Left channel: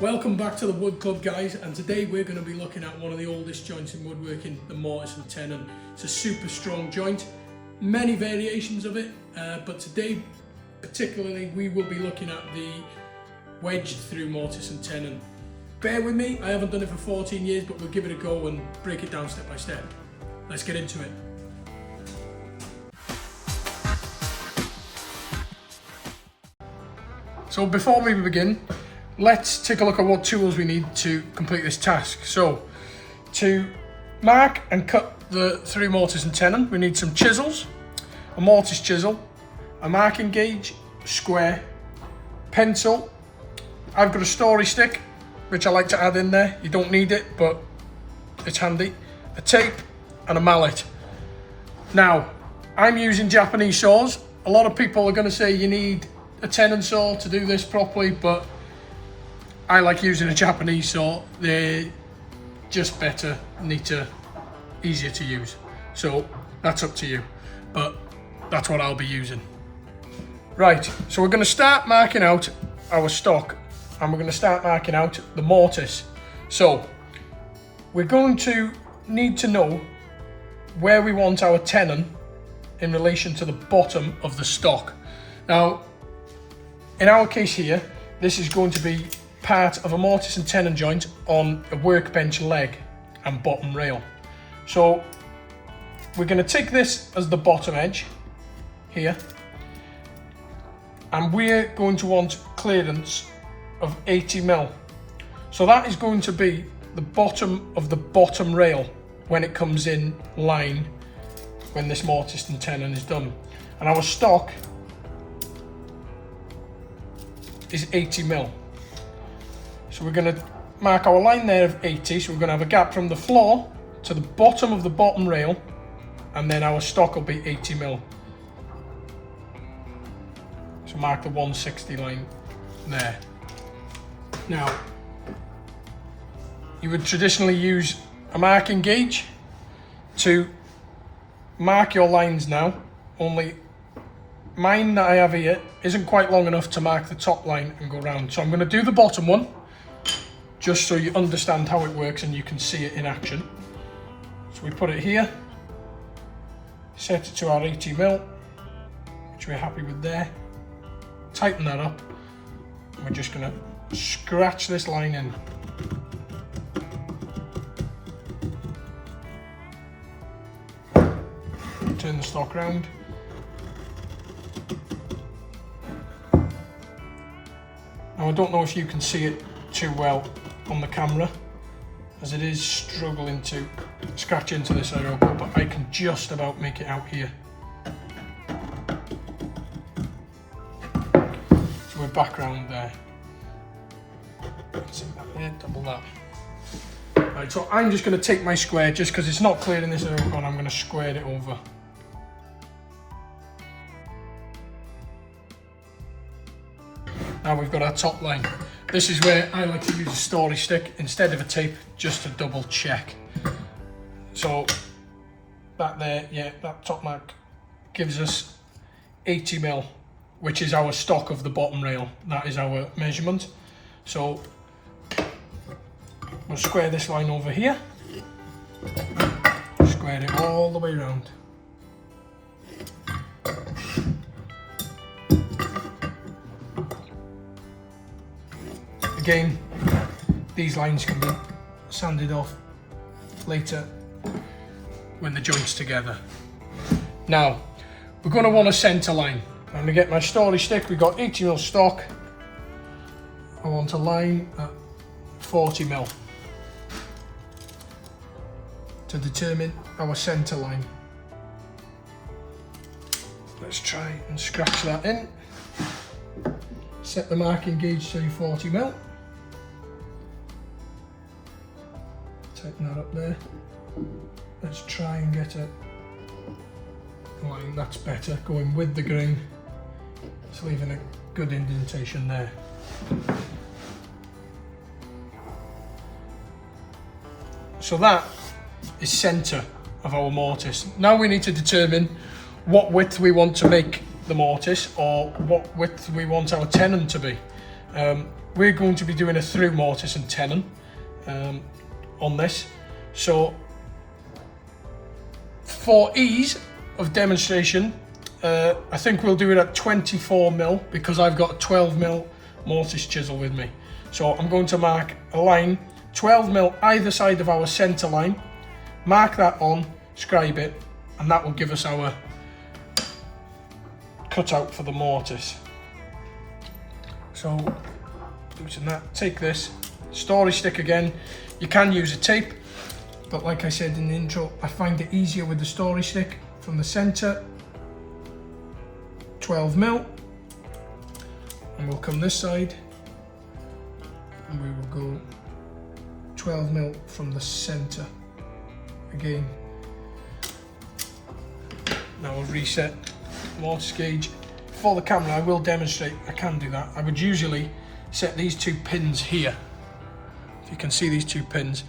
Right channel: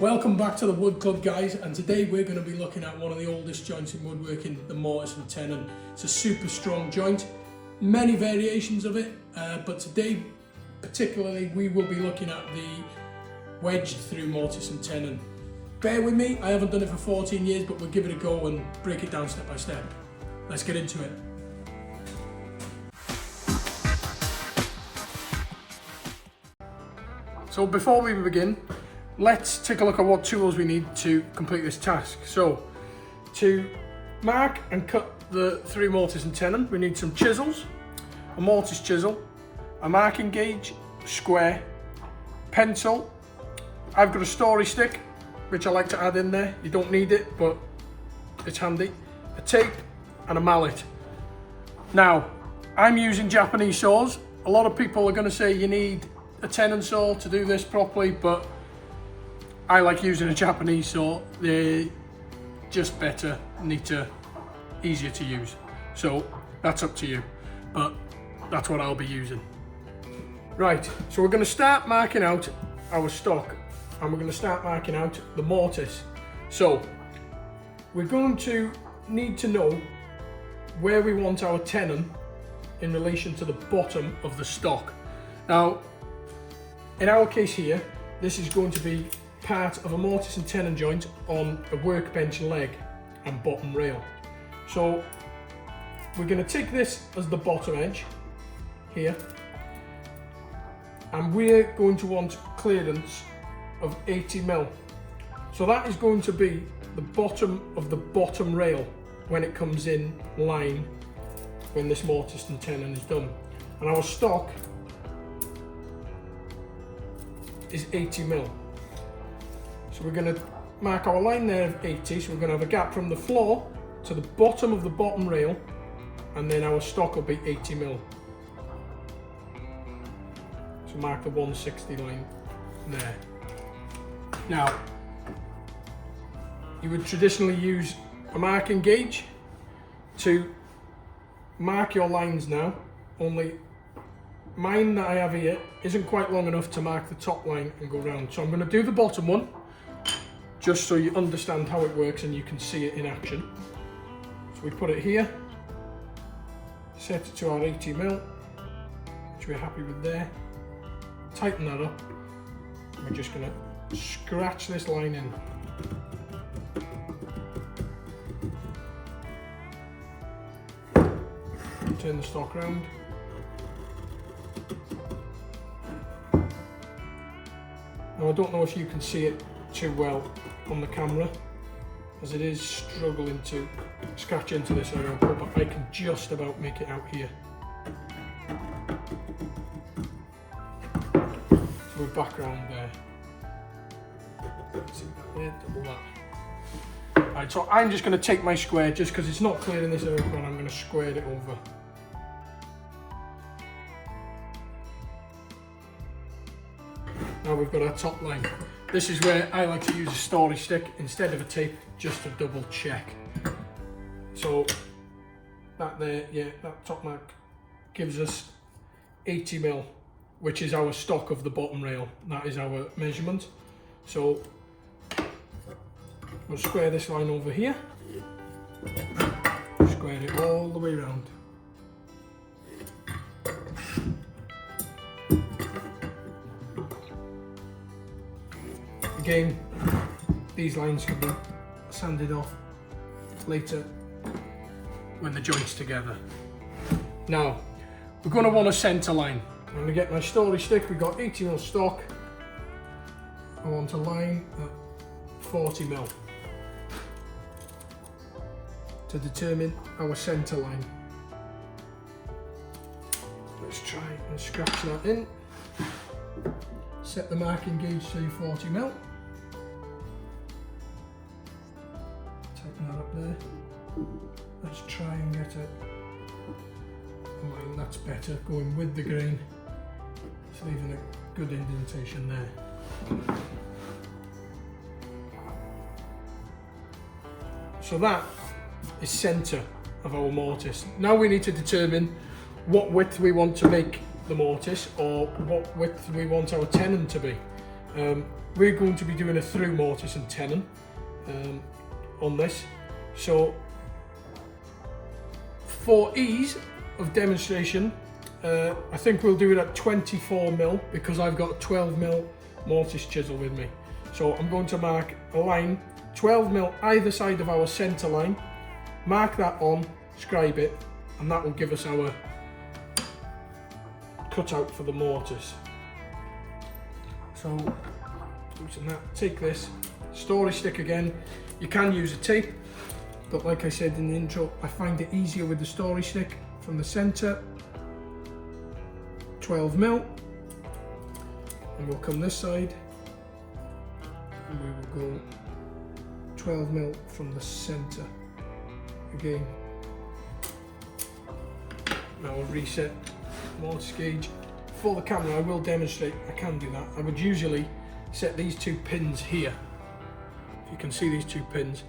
Welcome back to the Wood Club, guys, and today we're going to be looking at one of the oldest joints in woodworking, the Mortise and Tenon. It's a super strong joint, many variations of it, but today particularly we will be looking at the wedged through Mortise and Tenon. Bear with me, I haven't done it for 14 years, but we'll give it a go and break it down step by step. Let's get into it. So before we begin, let's take a look at what tools we need to complete this task. So, to mark and cut the through Mortise and Tenon, we need some chisels, a mortise chisel, a marking gauge, square, pencil. I've got a story stick, which I like to add in there. You don't need it, but it's handy. A tape and a mallet. Now, I'm using Japanese saws. A lot of people are going to say you need a tenon saw to do this properly, but I like using a Japanese saw. They're just better, neater, easier to use. So that's up to you, but that's what I'll be using. Right, so we're going to start marking out our stock, and we're going to start marking out the mortise. So we're going to need to know where we want our tenon in relation to the bottom of the stock. Now, in our case here, this is going to be part of a mortise and tenon joint on a workbench leg and bottom rail. So we're going to take this as the bottom edge here, and we're going to want clearance of 80mm. So that is going to be the bottom of the bottom rail when it comes in line when this mortise and tenon is done. And our stock is 80mm. So we're going to mark our line there of 80, so we're going to have a gap from the floor to the bottom of the bottom rail, and then our stock will be 80mm. So mark the 160 line there. Now, you would traditionally use a marking gauge to mark your lines now, only mine that I have here isn't quite long enough to mark the top line and go round. So I'm going to do the bottom one, just so you understand how it works and you can see it in action. So we put it here, set it to our 80mm, which we're happy with there. Tighten that up, and we're just going to scratch this line in. Turn the stock round. Now, I don't know if you can see it too well on the camera, as it is struggling to scratch into this area, but I can just about make it out here. So we're back around there. See that there, double that. Right, so I'm just going to take my square, just because it's not clear in this area, and I'm going to square it over. Now we've got our top line. This is where I like to use a story stick instead of a tape, just to double check. So that there, yeah, that top mark gives us 80mm, which is our stock of the bottom rail. That is our measurement. So we'll square this line over here, square it all the way around. Again, these lines can be sanded off later when the joint's together. Now, we're going to want a centre line. I'm going to get my story stick. We've got 80mm stock. I want a line at 40mm to determine our centre line. Let's try and scratch that in. Set the marking gauge to 40mm. Tighten that up there. Let's try and get a line that's better, going with the grain. It's leaving a good indentation there. So that is centre of our mortise. Now we need to determine what width we want to make the mortise, or what width we want our tenon to be. We're going to be doing a through mortise and tenon on this. So for ease of demonstration, I think we'll do it at 24mm because I've got a 12mm mortise chisel with me. So I'm going to mark a line 12mm either side of our centre line, mark that on, scribe it, and that will give us our cutout for the mortise. So using that, take this story stick again. You can use a tape, but like I said in the intro, I find it easier with the story stick. From the centre, 12mm, and we'll come this side, and we will go 12mm from the centre again. Now I'll reset mortise gauge. For the camera, I will demonstrate I can do that. I would usually set these two pins here. If you can see these two pins,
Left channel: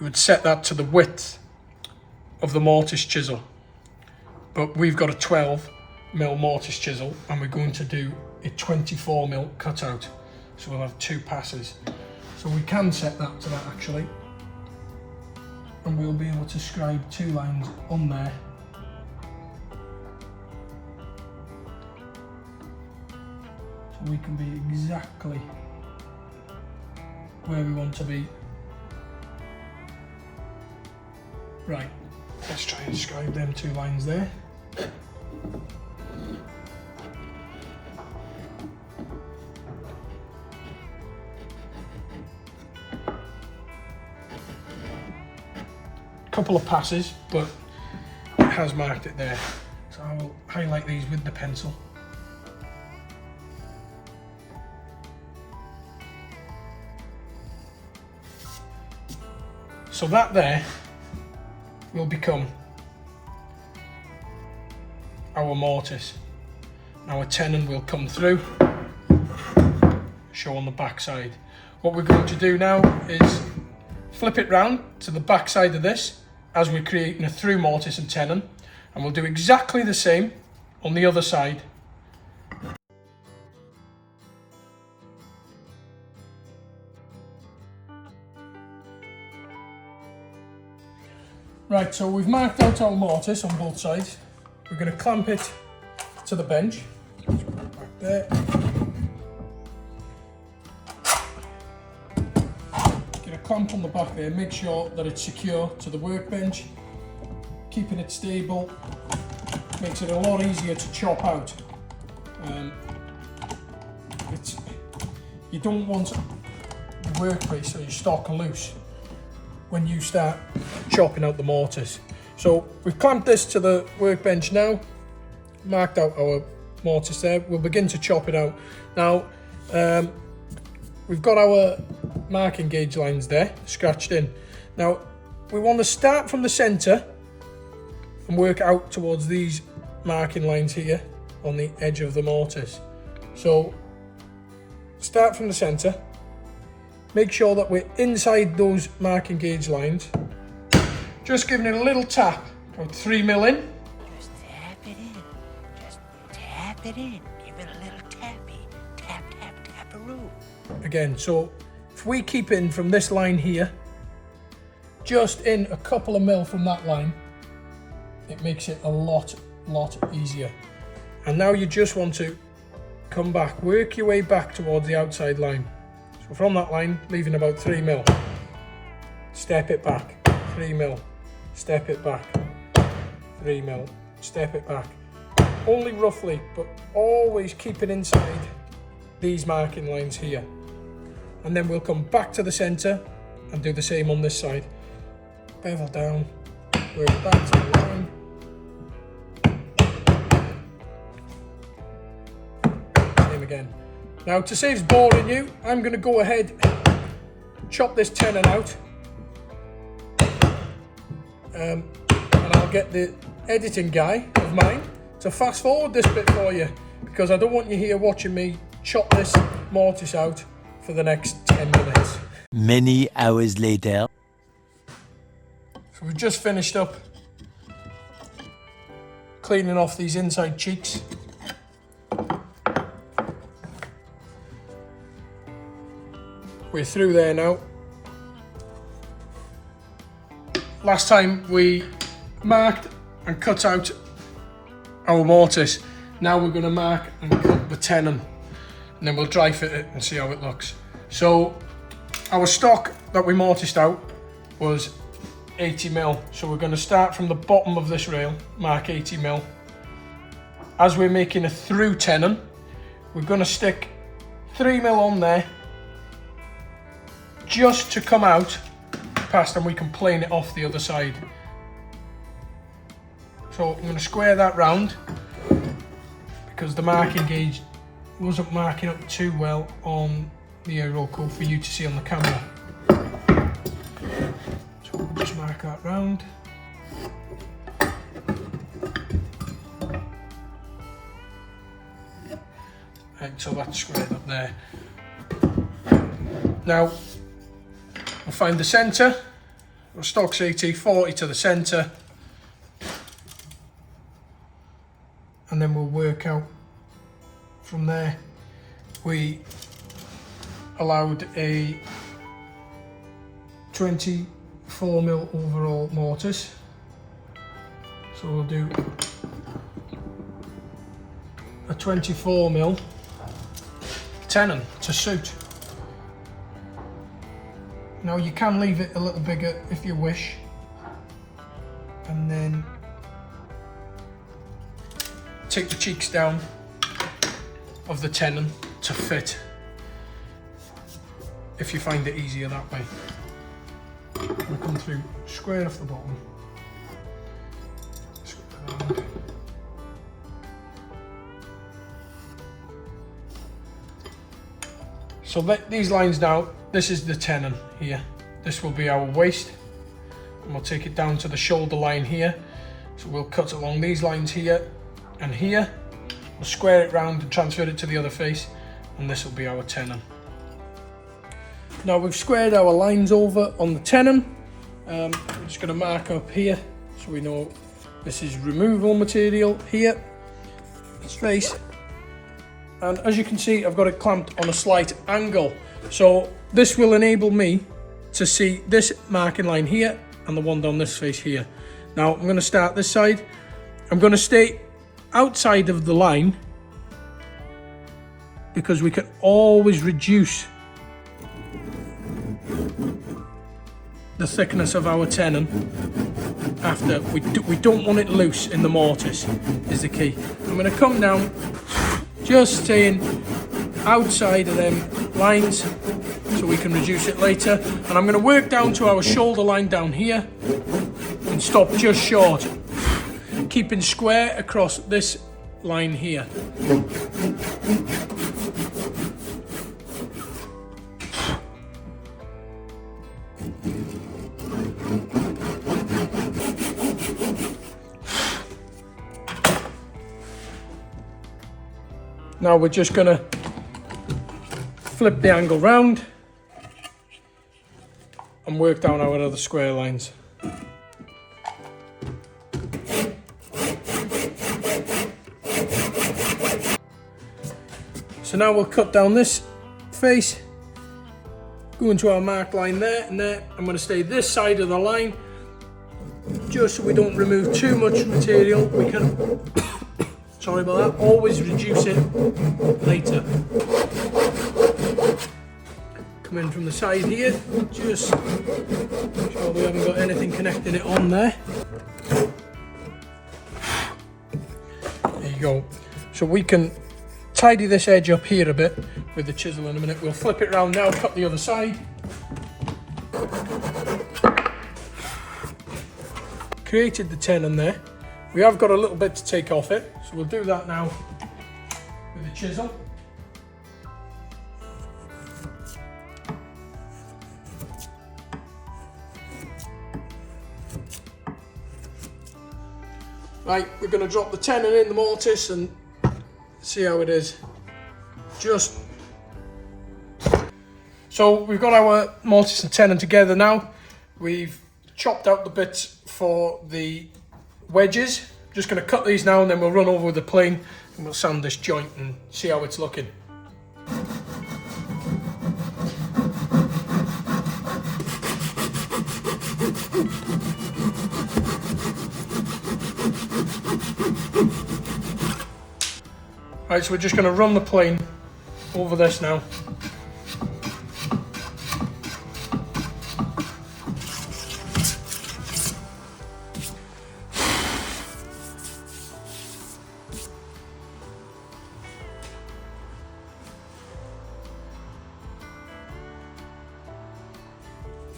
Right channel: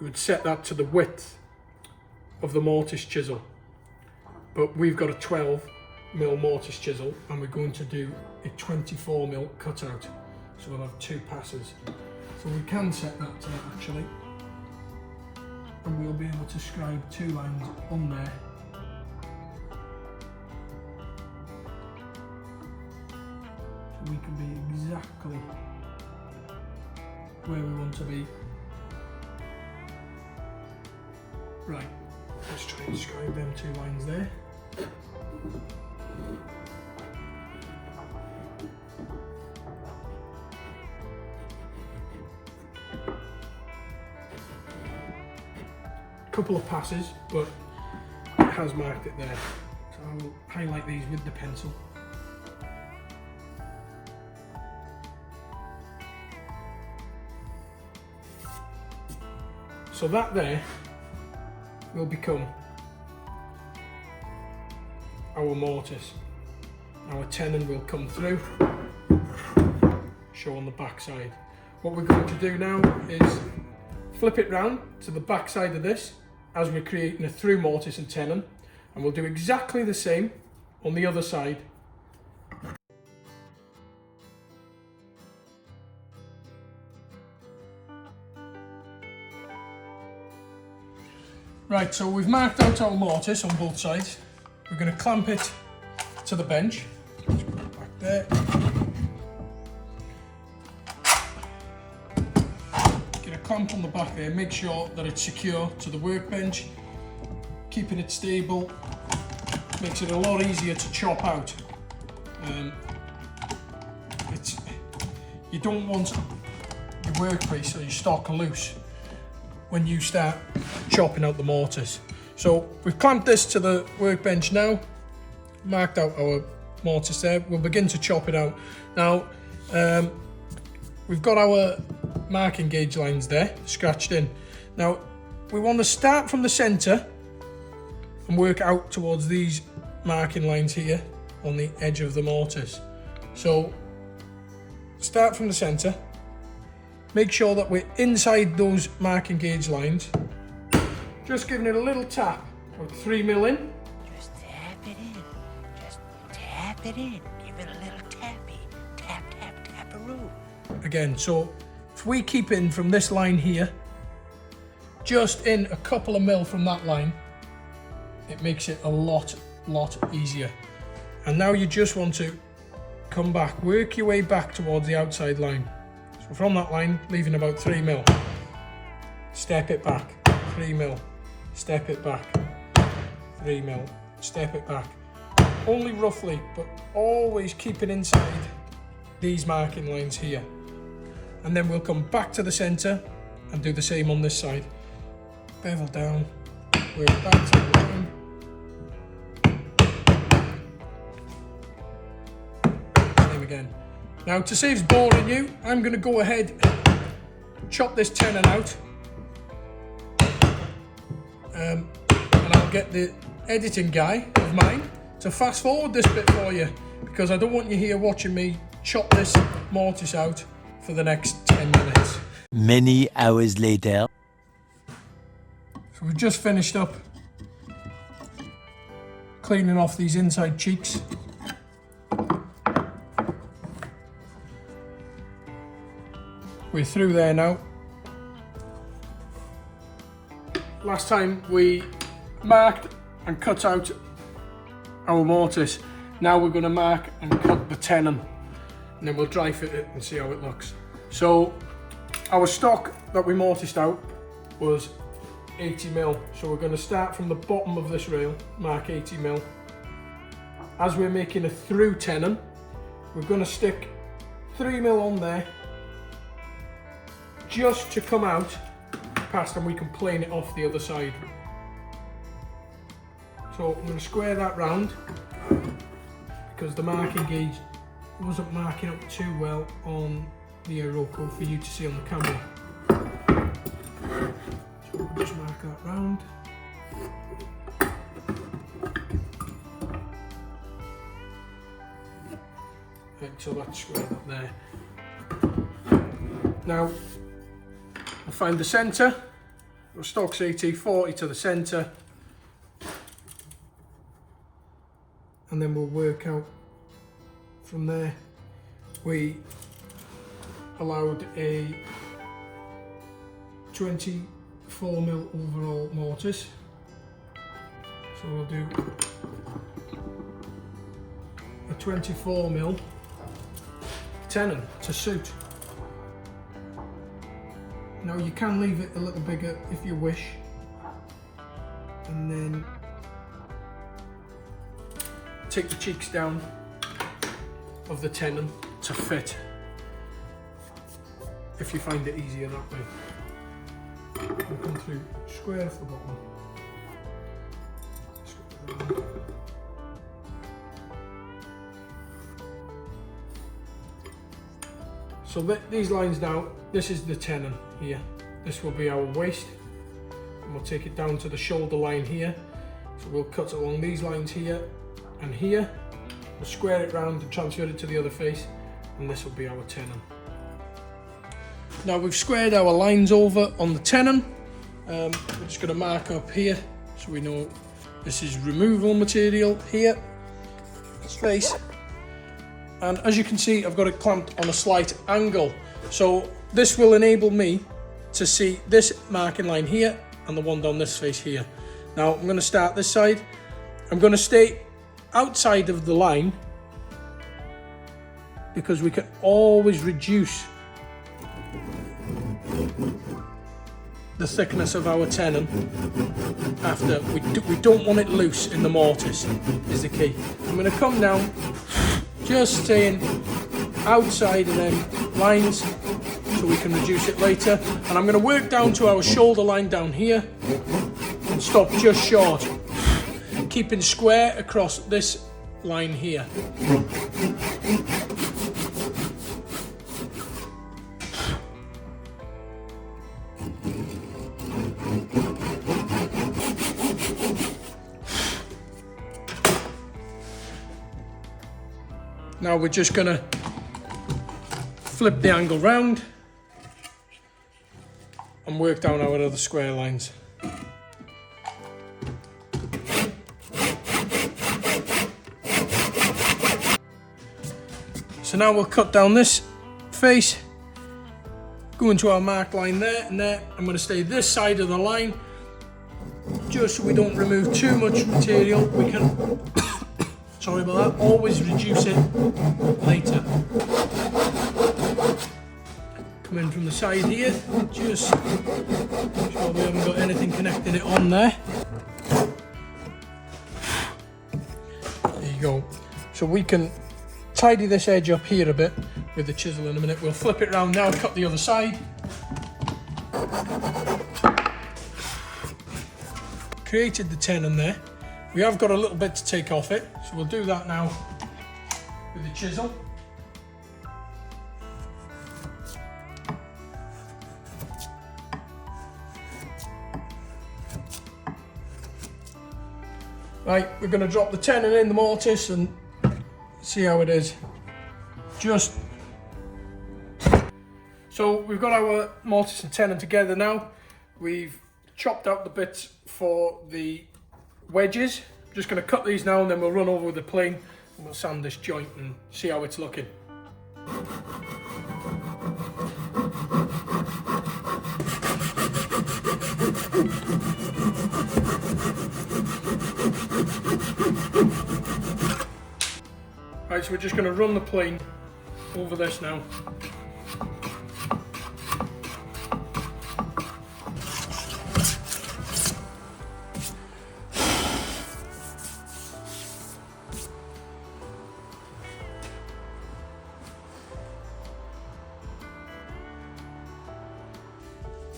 we would set that to the width of the mortise chisel. But we've got a 12mm mortise chisel and we're going to do a 24mm cutout. So we'll have two passes. So we can set that to that actually. And we'll be able to scribe two lines on there. So we can be exactly where we want to be. Right, let's try and scribe them two lines there. Couple of passes, but it has marked it there. So I'll highlight these with the pencil. So that there will become our mortise. Our tenon will come through, show on the back side. What we're going to do now is flip it round to the back side of this as we're creating a through mortise and tenon, and we'll do exactly the same on the other side. Right, so we've marked out our mortise on both sides. We're going to clamp it to the bench. Let's put it back there. Get a clamp on the back there, make sure that it's secure to the workbench. Keeping it stable makes it a lot easier to chop out. You don't want your workpiece or your stock loose when you start chopping out the mortise. So we've clamped this to the workbench now, marked out our mortise there. We'll begin to chop it out. Now, we've got our marking gauge lines there, scratched in. Now, we want to start from the centre and work out towards these marking lines here on the edge of the mortise. So, start from the centre. Make sure that we're inside those marking gauge lines. Just giving it a little tap, about 3mm in. Just tap it in. Just tap it in. Give it a little tappy. Tap, tap, tap-a-roo. Again, so if we keep in from this line here, just in a couple of mil from that line, it makes it a lot easier. And now you just want to come back, work your way back towards the outside line. So from that line, leaving about 3mm. Step it back, 3mm. Step it back, 3mm. Step it back. Only roughly, but always keep it inside these marking lines here. And then we'll come back to the centre and do the same on this side. Bevel down, work back to the line. Same again. Now, to save boring you, I'm going to go ahead, chop this tenon out, and I'll get the editing guy of mine to fast forward this bit for you, because I don't want you here watching me chop this mortise out for the next 10 minutes. Many hours later. So we've just finished up cleaning off these inside cheeks. We're through there now. Last time we marked and cut out our mortise. Now we're going to mark and cut the tenon, and then we'll dry fit it and see how it looks. So our stock that we mortised out was 80mm. So we're going to start from the bottom of this rail, mark 80mm. As we're making a through tenon, we're going to stick 3mm on there just to come out past, and we can plane it off the other side. So I'm going to square that round because the marking gauge wasn't marking up too well on the aerial code for you to see on the camera. So we'll just mark that round. Right, so that's squared up there. Now we'll find the centre. We'll stock CT 40 to the centre, and then we'll work out from there. We allowed a 24mm overall mortise, so we'll do a 24mm tenon to suit. Now you can leave it a little bigger if you wish, and then take the cheeks down of the tenon to fit, if you find it easier that way. We'll come through square off the bottom. So these lines now, this is the tenon here. This will be our waist, and we'll take it down to the shoulder line here. So we'll cut along these lines here and here. We'll square it round and transfer it to the other face, and this will be our tenon. Now we've squared our lines over on the tenon. We're just going to mark up here so we know this is removal material here, its face. And as you can see, I've got it clamped on a slight angle. So this will enable me to see this marking line here and the one down this face here. Now I'm going to start this side. I'm going to stay outside of the line because we can always reduce the thickness of our tenon after. We don't want it loose in the mortise is the key. I'm going to come down, just staying outside of them lines so we can reduce it later, and I'm going to work down to our shoulder line down here and stop just short, keeping square across this line here. Now we're just going to flip the angle round and work down our other square lines. So now we'll cut down this face, go into our marked line there and there. I'm going to stay this side of the line just so we don't remove too much material. We can sorry about that, always reduce it later. Come in from the side here, just make sure we haven't got anything connecting it on there. There you go. So we can tidy this edge up here a bit with the chisel in a minute. We'll flip it around now, cut the other side. Created the tenon there. We have got a little bit to take off it, so we'll do that now with the chisel. Right, we're going to drop the tenon in the mortise and see how it is. So we've got our mortise and tenon together now. We've chopped out the bits for the wedges. Just going to cut these now and then we'll run over with the plane and we'll sand this joint and see how it's looking. Right, so we're just going to run the plane over this now.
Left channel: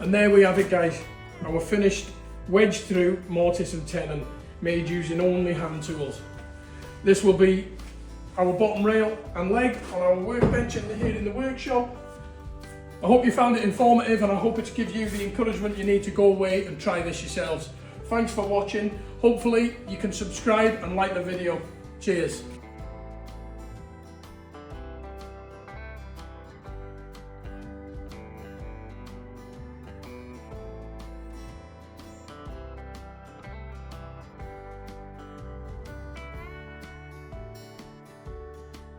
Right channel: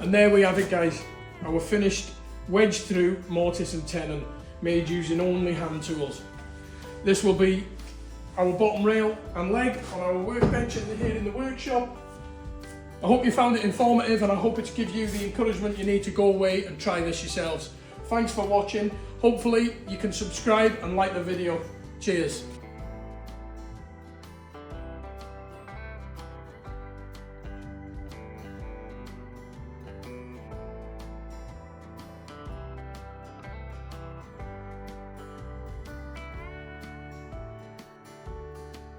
And there we have it, guys, our finished wedged through mortise and tenon made using only hand tools. This will be our bottom rail and leg on our workbench here in the workshop. I hope you found it informative, and I hope it's give you the encouragement you need to go away and try this yourselves. Thanks for watching. Hopefully you can subscribe and like the video. Cheers.